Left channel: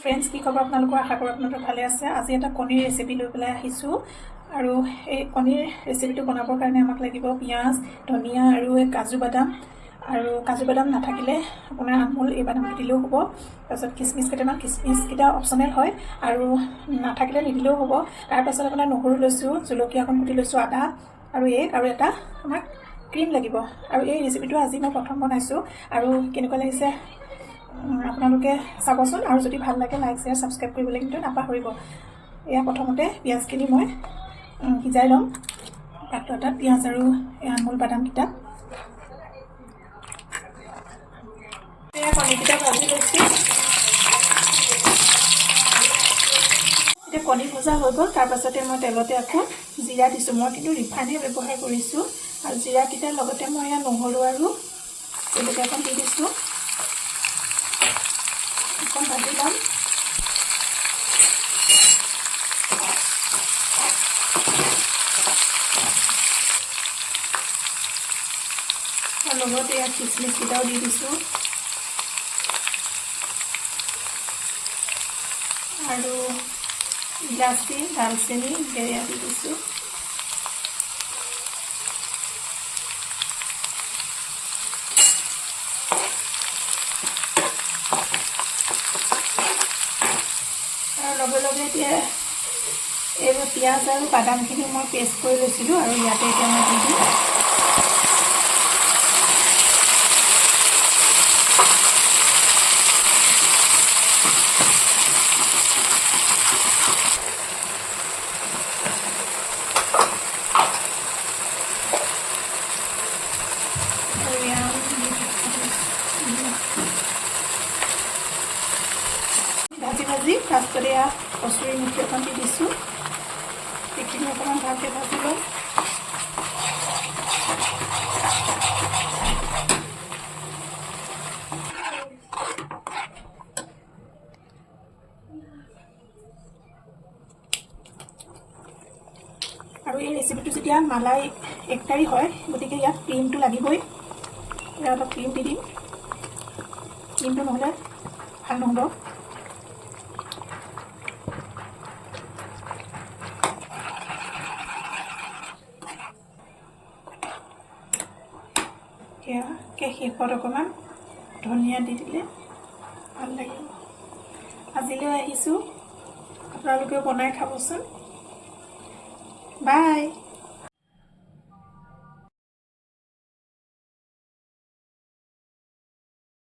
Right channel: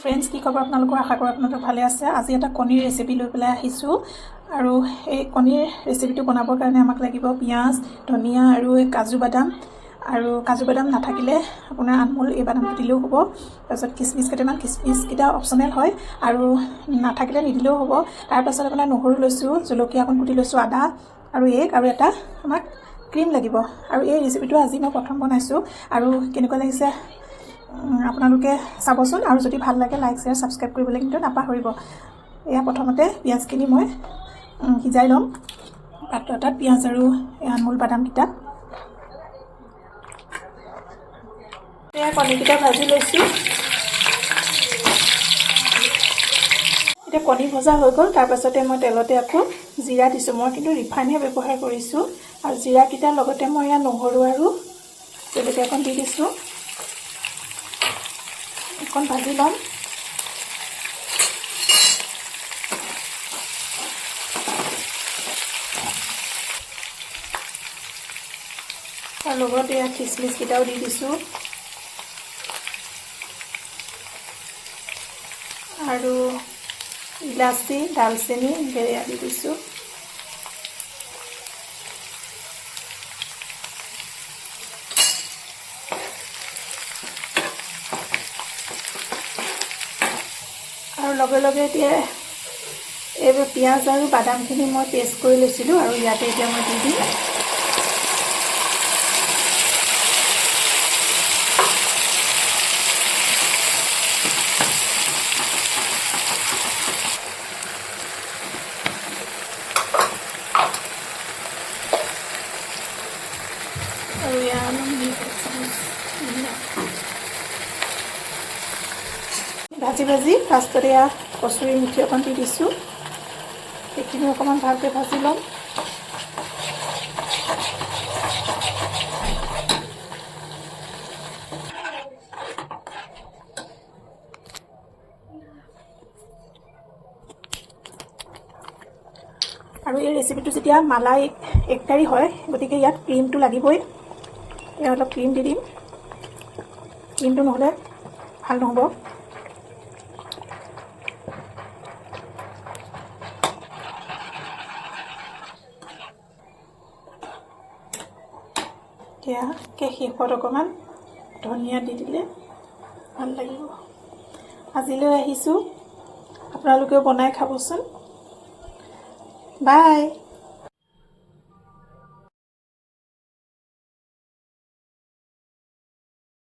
Friends কি খবৰ আপোনালোকৰ আশা কৰোঁ আপোনালোক ভালে আছে। আজি এটা কণীৰ ৰেচিপি লৈ পেলাই আহিছোঁ আৰু এই কণীৰ ৰেচিপিটো বনাবৰ কাৰণে আমাক লাগিব পিঁয়াজ, ধনিয়া আৰু কাজু বাদাম নাথাকিলে আপোনাৰ আমুল এই বাদামটো দিলেও হ'ব। তাৰপিছত কিচমিচ কিচমিচকেইটা অপশ্যনেল হয় আৰু নাথাকিলে নিদিলেও হ'ব। তাৰপাছত আপোনাৰ নহৰু লৈছোঁ, জলকীয়া অকণ কুটি লৈছোঁ, আদা আৰু এগ আৰু এটা আমাক ক্ৰীম লাগিব। আৰু এই ৰেচিপিটো আজি মই প্ৰথম বনাইছোঁ আৰু কেনেকুৱা লাগিছে আপোনালোকে চাবচোন আৰু যদি ভাল লাগে লাইক শ্বেয়াৰ ছাবস্ক্ৰাইব কৰিবলৈ কিন্তু নাপাহৰিব। এয়া প্ৰথমতে পিঁয়াজখিনি মই সিজাই ল'ম পাত্ৰ এটাত, পিঁয়াজ আৰু আমুল বাদামকেইটা। এয়া কণীকেইটা ভাজি লৈছোঁ। এতিয়া কণী ভজা হৈ গ'ল। তাৰপাছতে মই তেলতে আকৌ জিৰা দিছোঁ। মই কিন্তু ৰিফাইনহে ব্যৱহাৰ কৰিছোঁ আৰু জিৰাকেইটাৰ লগতে মই ইয়াত নহৰু আৰু জলকীয়া অকণ দি দিছোঁ। অকণ ভাজি ল'ম। তাৰ লগতে ইয়াত কিচমিচকেইটাও দি দিছোঁ আৰু ইলাচি, দালচেনি এয়া দি দিছোঁ। আৰু লগে লগে এতিয়া এই পিঁয়াজ আৰু বাদামখিনি মই পেষ্ট কৰি লৈছিলোঁ আৰু ইয়াতে এতিয়া মই দি দিম। ভাজি ফাৰ্ষ্টতে এয়া কচুৰি মিঠি অকণ দি দিছোঁ। সেইখিনি অকণমান ভালকৈ ভাজি ল'ম। আৰু এই ৰেচিপিটো যেতিয়া মালাই একতাৰি হয়, গতিকে ইয়াত ক্ৰীমটো লাগিবই। ইয়াত অলপ ক্ৰীম দি দিম, ক্ৰীমটো নহ'লে ভাল নহ'ব। এতিয়া শেষত অকণমান ধনিয়া দি দিলে ভাল লাগিব। আজিলৈ আহিছোঁ, আপোনালোকেও বনাই খাবচোন। বাই।